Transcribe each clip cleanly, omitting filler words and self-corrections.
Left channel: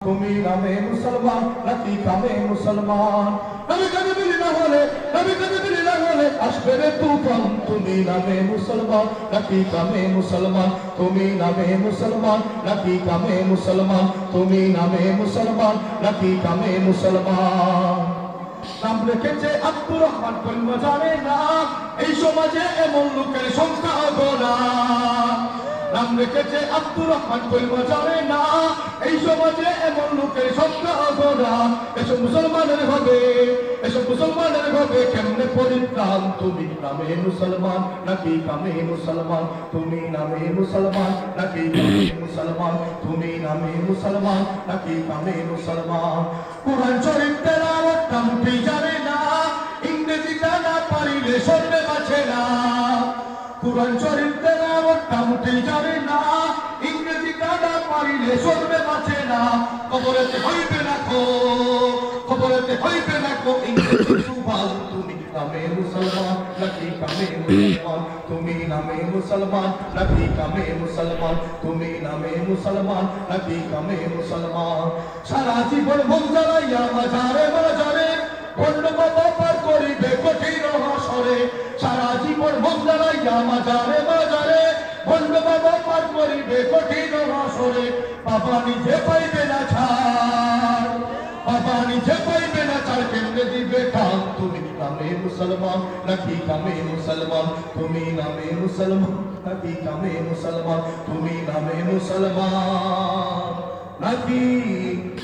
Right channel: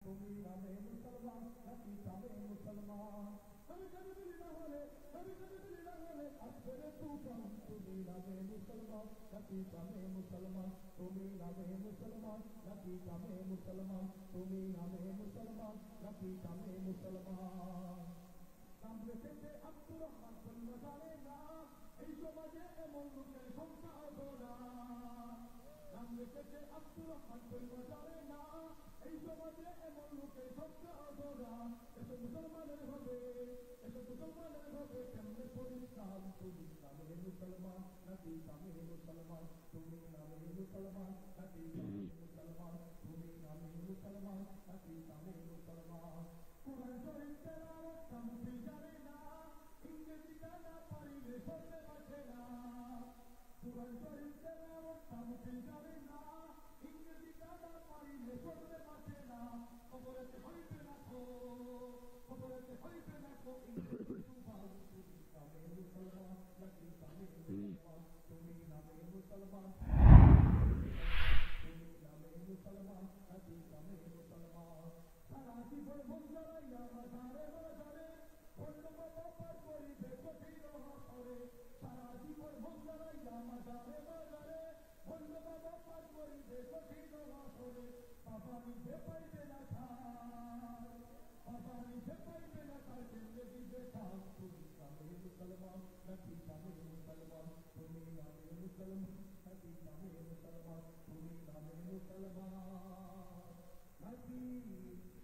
তুমি নামে মুসলমান নাকি কামে মুসলমান নবী কবি বিলি না হলে আসবে রে তুফান তুমি নামে মুসলমান নাকি কামে মুসলমান তুমি নামে মুসলমান নাকি কামে মুসলমান তুমি নামে মুসলমান নাকি কামে মুসলমান নাম রেখেছে আব্দুর রহমান কোন জানে না এই সমাজে এমন লোকের সংখ্যা গোনা নাম রেখেছে আব্দুর রহমান কোন জানে না এই সমাজে এমন লোকের সংখ্যা গোনা এসব মুসলমানের হবে কেমনে পরিত্রাণ তুমি নামে মুসলমান নাকি কামে মুসলমান তুমি নামে মুসলমান নাকি কামে মুসলমান তুমি নামে মুসলমান নাকি কামে মুসলমান কুরআন শরীফ তেলাওয়াত কামটি জানে না ইংরেজিটা না পারিলে সরবে বাঁচে না কুরআন শরীফ তেলাওয়াত কামটি জানে না ইংরেজিটা না পারিলে সরবে বাঁচে না কবরেতে হইবে না ইংরেজি সুভাষ তুমি নামে মুসলমান নাকি কামে মুসলমান তুমি নামে মুসলমান নাকি কামে মুসলমান তুমি নামে মুসলমান নাকি কামে মুসলমান সারা জীবন মন জ্বালাইয়া মাঝারে অন্য বাবা পার করিবে কঠিন হাসরে সারা জীবন মন জ্বালাইয়া মাঝারে অন্য বাবা পার করিবে কঠিন হাসরে বাবা নিজে পাইবে না ছাড় কেমনে দিবে কাম তুমি নামে মুসলমান নাকি কামে মুসলমান তুমি নামে মুসলমান নাকি কামে মুসলমান তুমি নামে মুসলমান নাকি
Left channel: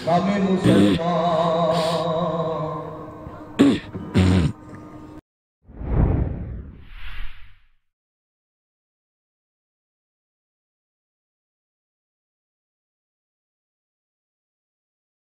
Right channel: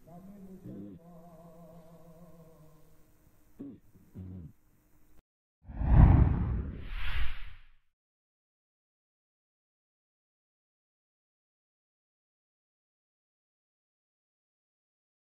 কামে মুসলমান